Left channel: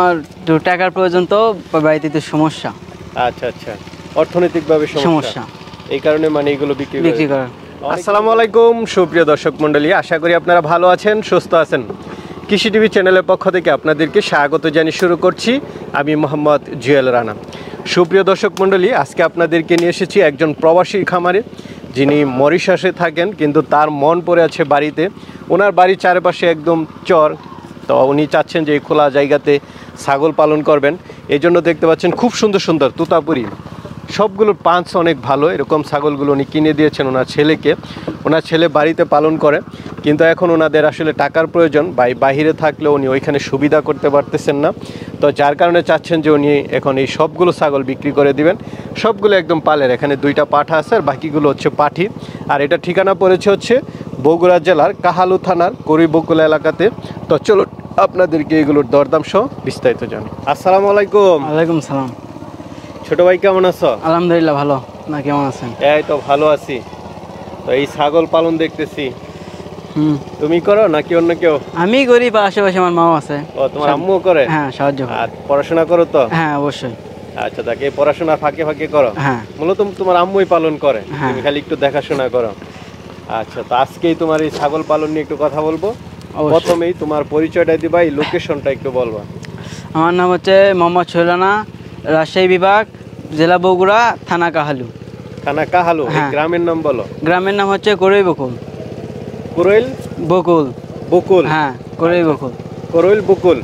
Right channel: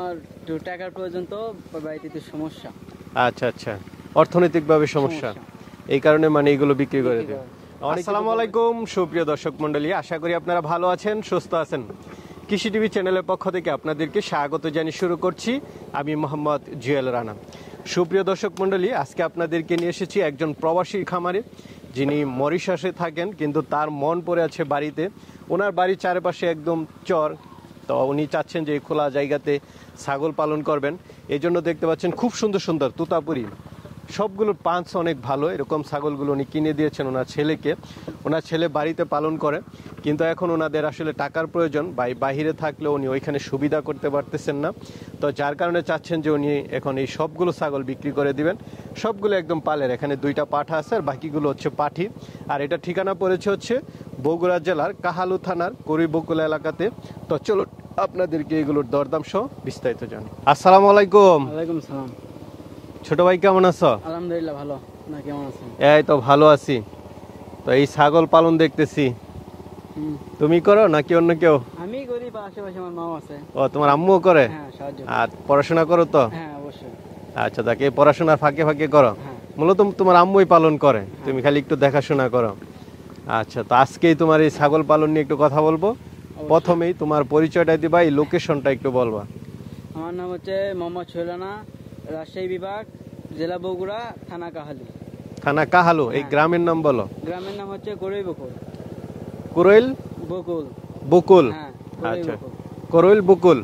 আর তো টাকার প্রয়োজন, তো বাড়িতে তো সমস্যা। আচ্ছা আচ্ছা, অর্থনৈতিকভাবে সমস্যা, এই কারণে মানে এগুলো বিক্রি করেন। আসসালামু আলাইকুম সুপ্রিয় দর্শক মণ্ডলী, আশা করি আপনারা ভালো আছেন, সুস্থ আছেন। কৃষি টিভি চ্যানেলের পক্ষ থেকে আপনাদেরকে স্বাগত জানিয়ে শুরু করছি আমি মোহাম্মদ জুয়েল রানা। সুপ্রিয় দর্শক মণ্ডলী, আজকে আপনাদেরকে নিয়ে এসেছি একজন প্রবাসী খামারে, যিনি মরিশাসে থাকেন কিন্তু তার মন পড়ে আছে বাড়িতে। ওনার বাড়ির চারপাশে একদম চর, তো উনি চাচ্ছেন যে এই খোলা জায়গাতে ছাগল পালন করবেন। এই জন্য দেখতে পাচ্ছেন খুব সুন্দর সুন্দর তোতাপুরি, সবগুলোর পাঁচ অনেক ভালো। এরকম ছাগলগুলো উনি কিনে দিয়েছেন ওনার ছেলেকে। ওনার ছেলে বাড়িতে পালন করে, কিন্তু এখন ওনাদের আসলে টাকার প্রয়োজন। বাইরে থাকলে উনি ওইখানে সুবিধা করতে পারতেছেন না, তো যার কারণে চাচ্ছেন যে উনি এখন এই সবগুলো ছাগল বিক্রি করে দিবেন। সবগুলো একদম পালের, এখানে দুইটা পাঠা আছে আর বাকিগুলো হচ্ছে পাঠি। আর এটা ঠিকানা পড়েছে হচ্ছে বগুড়া জেলার কাহালু থানার করিবকুল এলাকাতে। তো চলো আপনাদেরকে এগুলোর দরদাম সহ বিস্তারিত জানি। আসসালামু আলাইকুম। ওয়ালাইকুম সালাম। ছোট ভাই কেমন আছো? আলহামদুলিল্লাহ ভালো, না কেমন আছেন? এই তো ভালো আছি। তো এই ছাগল পালন দেখতেছি, তুমি করো নাকি অন্য কেউ? আমি করি, বা আশেপাশে আমার মাও আছে। ও, তোমার আম্মুও করে? হ্যাঁ, সাহায্য করে। আর পড়াশোনা করো তো? হ্যাঁ, অবশ্যই। আচ্ছা, দেখে পড়াশোনা ফাঁকে ফাঁকে করো? হ্যাঁ। মূলত তোমার আম্মুই পালন করে, হ্যাঁ। তুমি খালি একটু দেখাশোনা করো। আচ্ছা, তো আজকেই তোমার এই ছাগল পালন নিয়ে একটু কথা বলবো। প্রথমেই তোমার পরিচয়টা দিবা, এই লোকেশনটা একটু বলবা। আমার নাম হচ্ছে মোহাম্মদ শৈলানা, রাজশাহী বিভাগ, জেলা বগুড়া, থানা কাহালু। থানা কাহালু। হ্যাঁ। গ্রামের নাম বলো। গ্রামের নাম হচ্ছে করই বকুল। কোরইল বকুল। বকুল। হ্যাঁ, করই বকুল। কোরইল বকুল।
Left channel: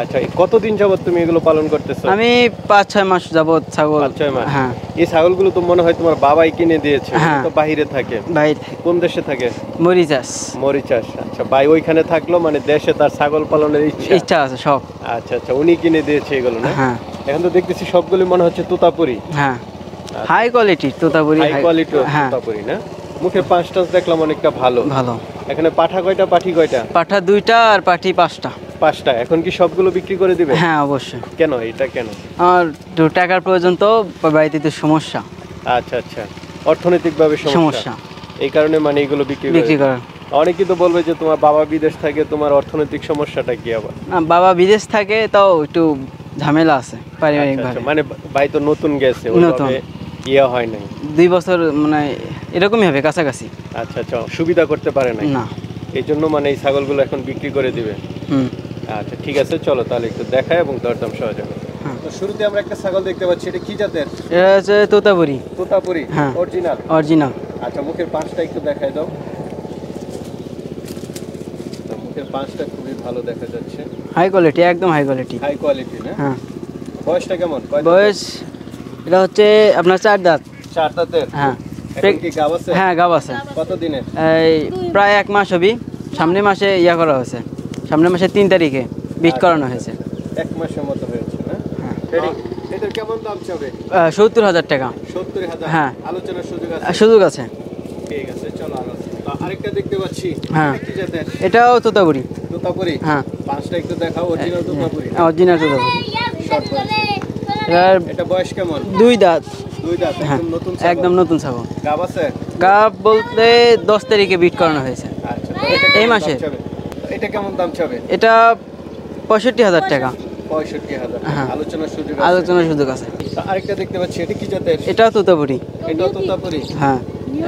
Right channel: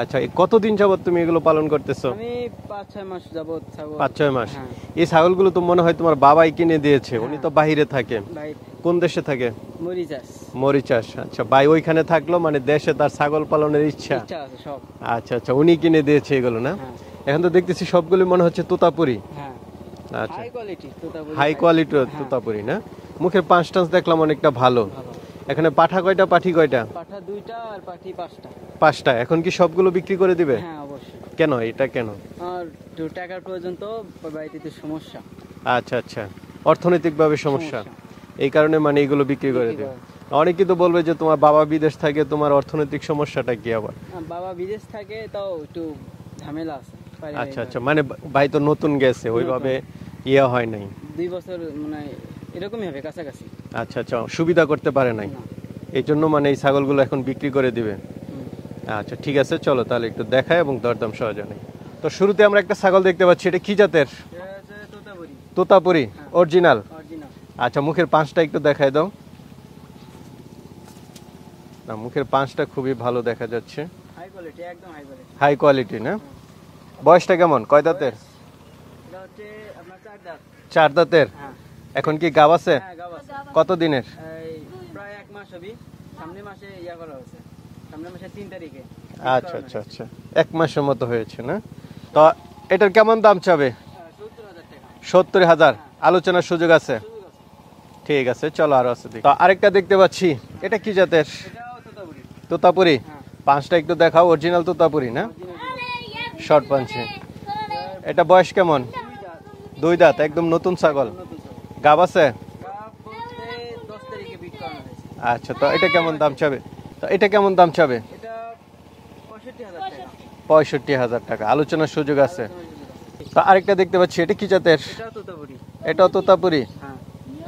আচ্ছা, কতদিন যাবত তুমি এগুলো পালন করতেছো? আমি ৫-৬ মাস যাবত ছাগল। ৫-৬ মাস। হ্যাঁ। এই ছাগলগুলো তো মনে হয় তোমার বাবাই কিনে দিয়েছে। হ্যাঁ। তো বাইরে থাকে। বাইরে। কোন দেশে থাকে? মরিচাস। মরিচাস। আচ্ছা, ভাই ওইখানে থাকলো, মানে দেশে তার ছাগল পালনের ইচ্ছা আছে সব। আচ্ছা আচ্ছা, উনি কিনে দিয়েছে এগুলো না? হ্যাঁ। এখন তো দেখতেছি সবগুলো মনে হচ্ছে তোতাপুরি। হ্যাঁ, হাই কোয়ালিটির তোতাপুরি। হাই কোয়ালিটির হ্যাঁ। তোতাপুরি না? মুখে পাঁচ টাচ দেখলাম অনেকটা ভালো। ভালো। এখানে পাঠা কয়টা, পাঠি কয়টা? পাঠা 2টা আর পাঠি 5টা। 5টা। এখন কি সবগুলো বিক্রি করে দিবে? হ্যাঁ, অবশ্যই। কেন, এটা কেন? আর তো টাকার প্রয়োজন, তো বাড়িতে তো সমস্যা। আচ্ছা আচ্ছা, অর্থনৈতিকভাবে সমস্যা, এই কারণে মানে এগুলো বিক্রি করে। অনেকেই তো বলবে যে তোমার বাবা বিদেশ থাকে, তোমার অর্থনৈতিক সমস্যাটা কি আবার? না, বাবা বিদেশ থাকে, তাও একটু ঝামেলা আছে পারিবারিক। আচ্ছা, মানে ভাই তো নতুন গেছে, ওইভাবে ইয়া হয় নাই। 2 বছর মানে এরকমই হবে, কাছাকাছি। আচ্ছা আচ্ছা, সুবিধা করতে পারে নাই না, এই জন্য মানে এই ছাগলগুলো এখন বিক্রি করে দিবে। আচ্ছা ঠিক আছে, চলো তাহলে একটু দেখায় এবং দরদাম সহজ হবে। তো শুরুতে আমরা একটা ছাগল দেখতে পাচ্ছি, এটা কি জাতের? এটা হচ্ছে তোতাপুরি। তোতাপুরি। হ্যাঁ, অরিজিনাল। অরিজিনাল। আচ্ছা, মুখের পাঁচটা একটু দেখায় দাও। মুখের পাঁচটা খুবই ভালো দেখা যাচ্ছে, হাই কোয়ালিটি, একদম হাই কোয়ালিটি। হাই কোয়ালিটি না? হ্যাঁ। বয়সটা কেমন, কয় দাঁত? বয়স এটা হচ্ছে আপনার 4 দাঁত। 4 দাঁতের। হ্যাঁ। এখন কি গাব আছে? হ্যাঁ, গাব আছে। কত দিনের? এই প্রায় 1 মাস হবে। সামনে মাসে ইয়া করা হয়েছে, সামনে মাসে 3 তারিখে বিট করানো হয়েছে। 1 মাসের মতো হয়েছে না? এটার কেমন দাম চাবে? 70,000 টাকা। 70,000? হ্যাঁ। আলোচনার সুযোগ আছে? সুযোগ আছে। ঠিক আছে, চলো আরো আছে। তো আরেকটা দেখতে পাচ্ছি, এটা কি জাতের? এটাও তোতাপুরি। তোতাপুরি। হ্যাঁ। পাঁচটা একটু দেখাও, অরিজিনাল তোতাপুরি না? অরিজিনাল তোতাপুরি। শর্ট পাঞ্চি। এটা বয়স কেমন? 2 দাঁত। 2 দাঁত, একদম নতুন ছাগল। একদম নতুন ছাগল। গাব আছে? গাব বলতে 10 তারিখে বিট করানো হয়েছে। আচ্ছা, তো এটা কেমন দাম চাবে? এটা কেমন দাম চাবে? এটা 65,000 টাকা। 65,000 টাকা। আলোচনার সুযোগ আছে? আলোচনার সুযোগ আছে। তো আরেকটা দেখতে পাচ্ছি, এটা কি জাতের? এটাও তোতাপুরি। এটাও তোতাপুরি? হ্যাঁ,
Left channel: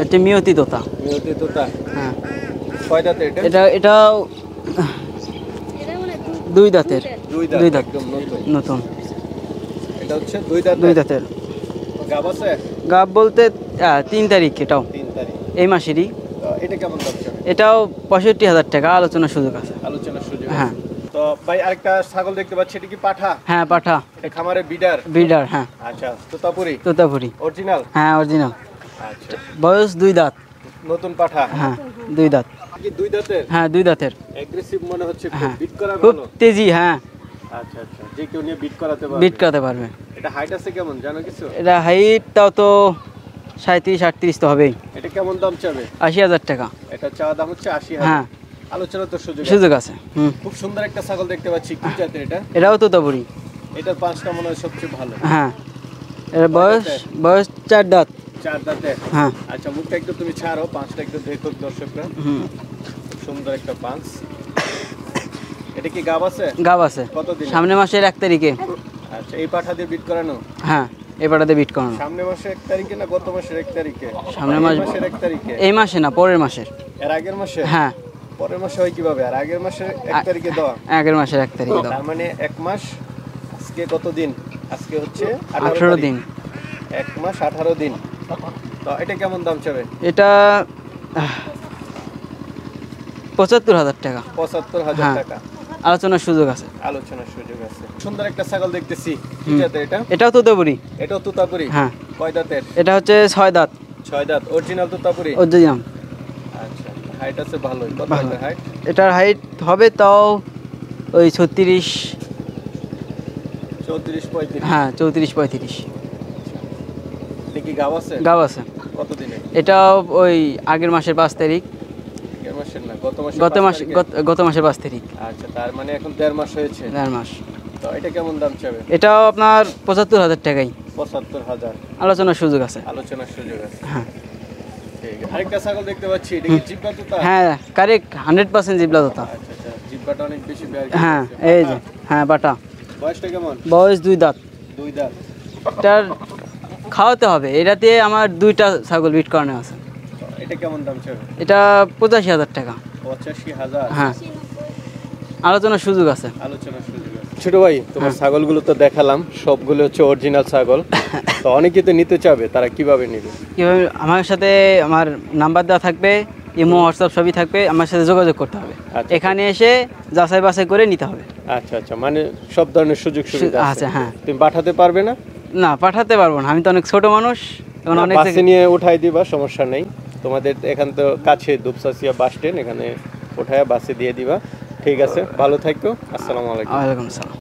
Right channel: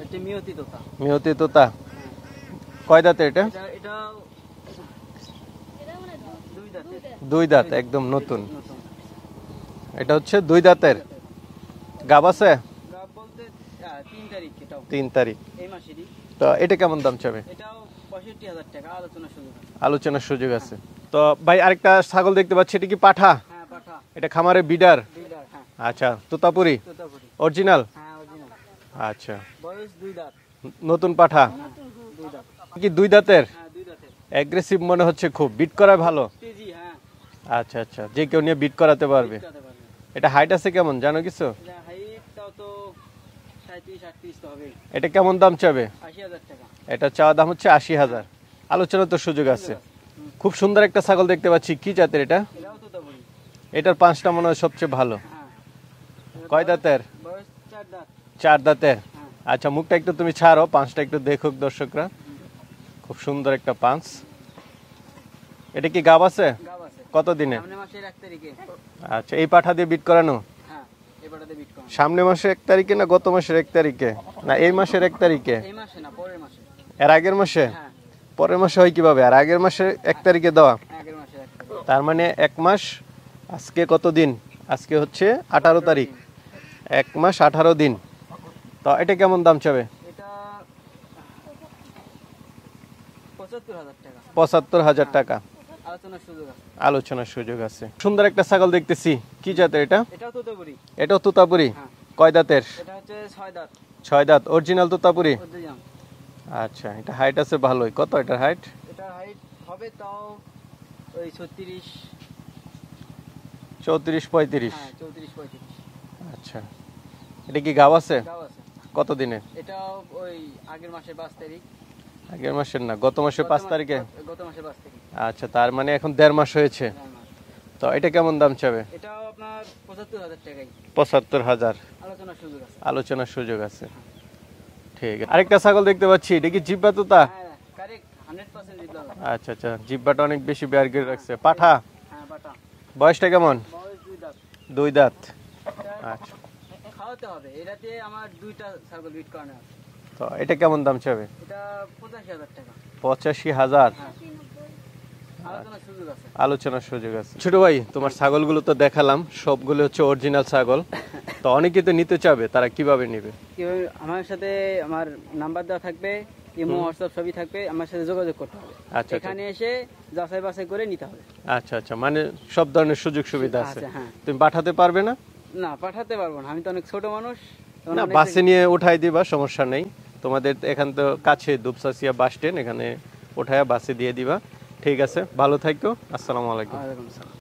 এটা মিয়তি তোতা। মিয়তি তোতা। হ্যাঁ। কয় দাঁতের এটা? এটাও 2 দাঁতের। 2 দাঁত, একদম নতুন। নতুন। এটা হচ্ছে 2 দাঁতের। 2 দাঁতের। গাব আছে? গাব বলতে 3 তারিখ, এটাও 3 তারিখ এই মাসেরই। তো এটা কেমন দাম চাবে? এটাও 65,000 টাকা। আলোচনার সুযোগ আছে? আলোচনার সুযোগ আছে। হ্যাঁ। তো ভাই আরেকটা ছাগল দেখতে পাচ্ছি, এটা কি পাঠা? হ্যাঁ, পাঠা। এটা খামারে বিডার? বিডার। হ্যাঁ। আচ্ছা, তোতাপুরি? তোতাপুরি। অরিজিনাল? হ্যাঁ, অরিজিনাল। আচ্ছা, বয়স 2 দাঁত। নতুন পাঠা? হ্যাঁ, 2 দাঁত। কি 2 দাঁতের? হ্যাঁ, 2 দাঁতের। অ্যাগ্রেসিভ মনে হচ্ছে, খুব হ্যাঁ। বিট করা ভালো? তেজি। হ্যাঁ। আচ্ছা আচ্ছা, যে কেউ নিয়ে বিট করাতে পারবে? বিট করাতে পারবে। এটা হাইট আছে কেমন জানো কিছু? এটা হাইটটাও তো 37-38 তো হবেই। এটা কেমন দাম চাবে? 80,000 টাকা। এটা চাওয়া দাম হচ্ছে 80,000। হ্যাঁ। আলোচনা তো সুযোগ আছে। খুব সুন্দর একটা ছাগল দেখতে পাচ্ছি, কি জাতের এটা? এটাও তোতাপুরি। এটার পাঁচটা মনে হয় সবচেয়ে ভালো। হ্যাঁ। এর বয়স 4 দাঁত। 4 দাঁতের। হ্যাঁ। আচ্ছা, মুখটা একটু তুমি ছাড়ো, পাঁচটা একটু দেখুক দর্শকরা। খুব সুন্দর একটা পাঁচ। এটা কি গাব আছে? গাব আছে। কতদিন? সামনে মাসের 1 তারিখে। আচ্ছা, এই পাঠা দিয়ে বিট করানো? হ্যাঁ, এই পাঠাতে বিট করানো। সামনে মাসে 1 তারিখে না গত মাসের 1 তারিখে? সামনে এই মাসের 1 তারিখে? এই মাসে না, পরের মাসের। এর আগের মাসে? হ্যাঁ, পরের মাসে হয় কিভাবে? আর আগের মাসে 1 তারিখে দেওয়া? আগের মাসের 1 তারিখে দাও। তার মানে 1 মাস। আজকে কত দিন? আজকে হচ্ছে 18 তারিখ। দিন। 1 মাস 18 দিন। তো এটা কেমন দাম চাবে? এটা ৭৫,০০০ টাকা। ৭৫,০০০ হ্যাঁ। টাকা। আলোচনার সুযোগ আছে। আলোচনার সুযোগ আছে। সুন্দর একটা ছাগল দেখতেছি, কি জাতের এটা? এটাও তোতাপুরি। এটাও তোতাপুরি? হ্যাঁ। কয় দাঁতের? এটা হচ্ছে 6 দাঁত। 6 দাঁত, অরিজিনাল তোতাপুরি? অরিজিনাল। আচ্ছা, এটা হাইট আছে ভালোই। কত এটার হাইট? এটার হাইট হবে তাও ওই 36। 34 35? হ্যাঁ, 34-35। আচ্ছা, এটা কি গাব আছে? গাব আছে। কত দিনে? এটা ওই আগের মাসের 5 তারিখ। আগের মাসের না, গত মাসের গত 5 মাস তারিখে? গত মাসের 5 তারিখ। আচ্ছা, তার মানে এখন 1.5 মাস হয়েছে। 1.5 মাস। তো এটা কেমন দাম চাবে? এটাও আপনার ৭৫,০০০ টাকাই। ৭৫,০০০। আলোচনার সুযোগ আছে। আলোচনার সুযোগ আছে। হ্যাঁ। ঠিক আছে। আরেকটা ছাগল দেখতে পাচ্ছি, এটা কি জিব্বা তোতা? হ্যাঁ, কারেক্ট 100% জিবলা তোতা। আচ্ছা আচ্ছা, জিব্বাটা অনেক বেশি বের হ্যাঁ, আছে। এই পাঠা? যে, হ্যাঁ, বাটা। বয়সটা কেমন? বয়স 2 দাঁত। 2 দাঁত। এটার খাওয়াতে হবে। এটাতে আমার 2টা ছাগল বিট করানো আছে। তো এটা কেমন দাম চাবে? এটা 85,০০০ টাকা। 85,০০০। হ্যাঁ, আলোচনার সুযোগ আছে। আলোচনার সুযোগ আছে। ছোট ভাই, তোমার ছাগলগুলো তো দেখালাম, সবগুলো হচ্ছে অরিজিনাল ছাগল। তো অনেকে তো নিতে চাবে, তারা কিভাবে নেবে? কিভাবে? আমার সাথে আমার নাম্বার দেওয়া থাকবে, ইমো, হোয়াটসঅ্যাপ সবই থাকবে। আমার সাথে যোগাযোগ করতে হবে। আচ্ছা। এখানে এসে যাচাই বাছাই করে নিতে হবে। আচ্ছা আচ্ছা, মানে সব ধরনের সুযোগ সুবিধা আছে? আছে, হ্যাঁ। তুমি পাঠাতে পারবে না? না, পাঠাতে পারবো না, আমি তো অনেক ছোট মানুষ। এখন অনেক বাসে নিয়ে উঠাই দিবা, সমস্যা নেই। তোমাদের এখান তো কাছে দুপসাসিয়া বাস স্ট্যান্ড, এখানে উঠায়া বাসে দিয়ে দিবা। ঠিক আছে, ভালো থাকো। আসসালামু আলাইকুম। ওয়ালাইকুম আসসালাম।